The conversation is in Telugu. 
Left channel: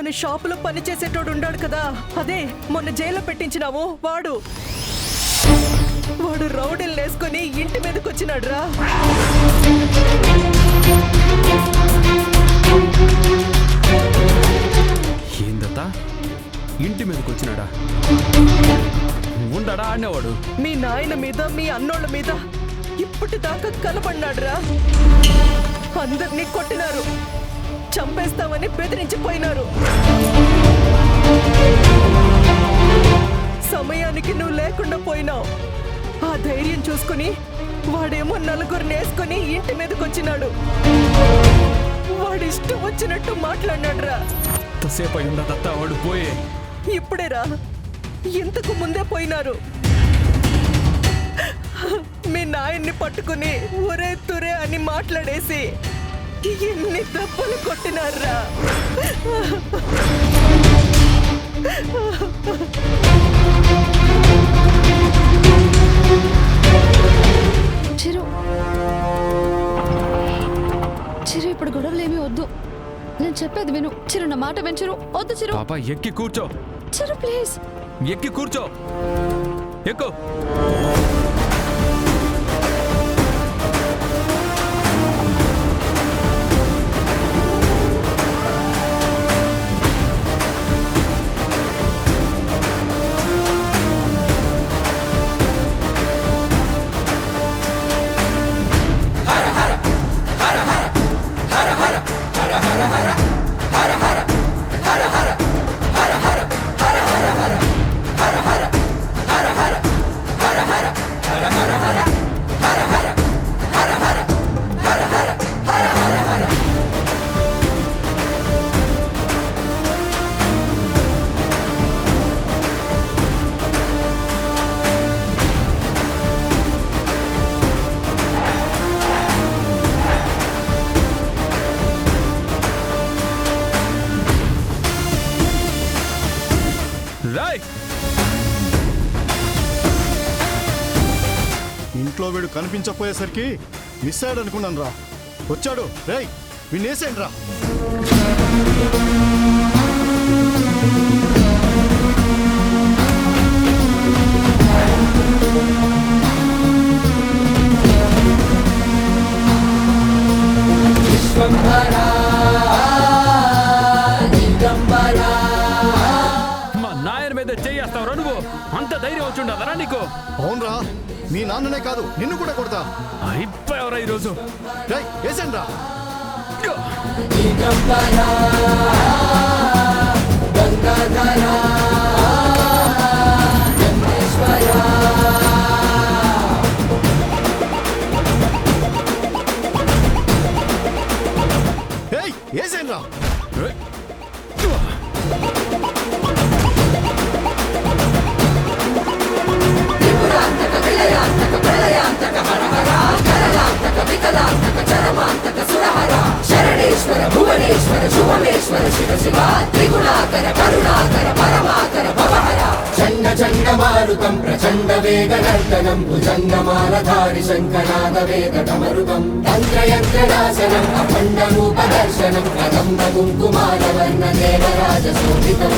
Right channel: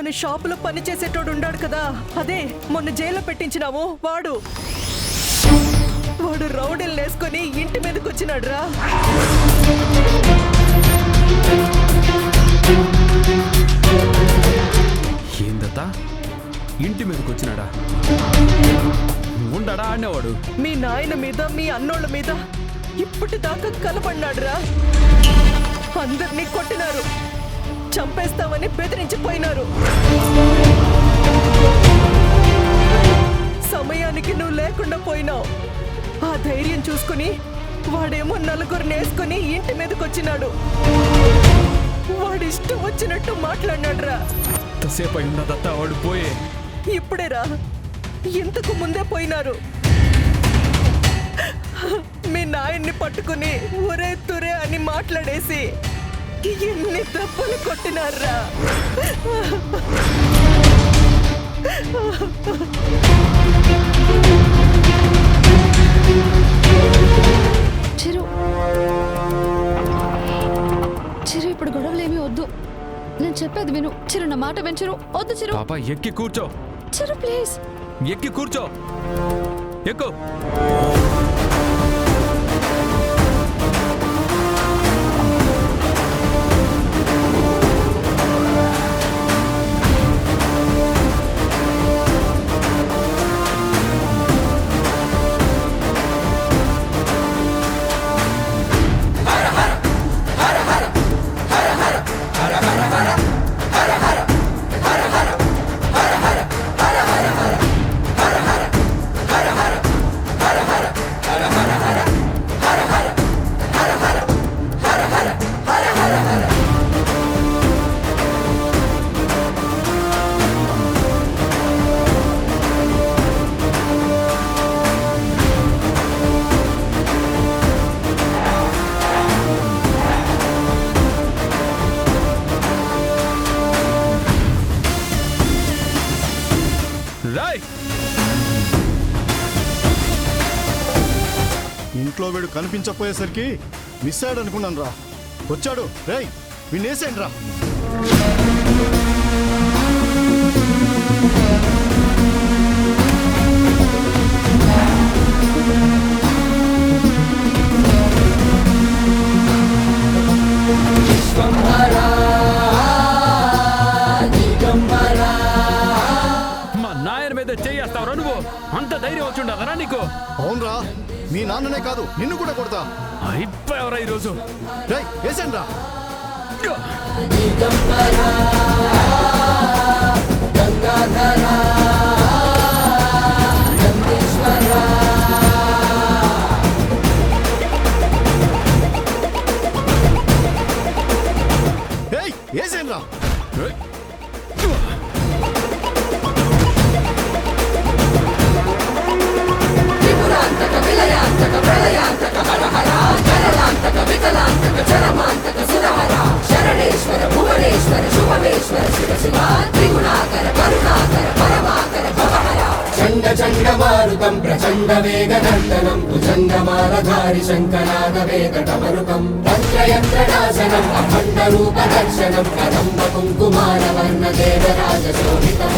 మన షాపులో పని చేసేటోడు ఉండాడు కదా, అదే మొన్న జైల్లో పెట్టించినావు వాడు రౌడీలు వేసుకొని ఇంటి మీదకి వచ్చినాడు రా. ఏందత్తా ఇంటి మీదకి వచ్చినాడా? ఉండడా ఆడినవాడు? మీ నాయన మీద మీ అన్నోళ్ళ మీద ఇప్పటిదాకా కలపడినాడు రా. అందరినీ కొట్టినారు, చంపేస్తామని బెదిరించిపోయినారు. సమయానికి నువ్వు లేకుండా పోయినావు. ఆ ధైర్యం చూసుకుని వాడేమో నలుగురిని వేసుకుని ఇంటి మీదకి వచ్చినాడు. వాడిష్టం వచ్చినట్టు మాట్లాడినాడు రా. ఎంతసేపు అయిందత్తా వాడు పోయే? ఇప్పుడేరా, ఇంతకు ముందే పోయినారు. మీ నాయన్ని పట్టుకుని ఒరే తురే అని మాట్లాడేసి ఎన్ని దెబ్బలు కొట్టినారా. చిరు చిరు ఇప్పుడు గొడవలేమీ వద్దు, నేను చెప్పేది విను. చిరు నా మాట విను. చిరు వద్దు. చిరు పాప ఎక్కి కూర్చో. చిరు ప్లీజ్ ఎక్కి కూర్చో. ఎక్కు. రాయ్, ఇంట్లో వీడు కనిపించకపోయేసరికి మిస్ అయ్యాడు అనుకున్నాను రా. వచ్చాడు. రేయ్ వినేసేయండి రా. మా నాయన మీద చేయేస్తావురా నువ్వు? అంత ధైర్యం వచ్చుండదరా నీకు? అవునరా, మీ నాన్ననే కాదు నిన్ను కూడా కొడతా. అయిపోయావరా ఈరోజు. రేయ్ వేసేయండి రా. ఏయ్ వేసేయండి రా. శరణేశ్వర భువనేశ్వర శుభమేశ్వర శివ శివ త్రిగుణాకర కరుణాకర పరమాకర భవహర చండ చండ మారుతం ప్రచండ వేగ నర్తనం భుజంగమాలధారి శంకరాద వేద డమరుకం తంత్రయంత్ర నాశనం అఖండ రూప దర్శనం కదంబ కుంకుమార వర్ణ దేవరాజ శోభితం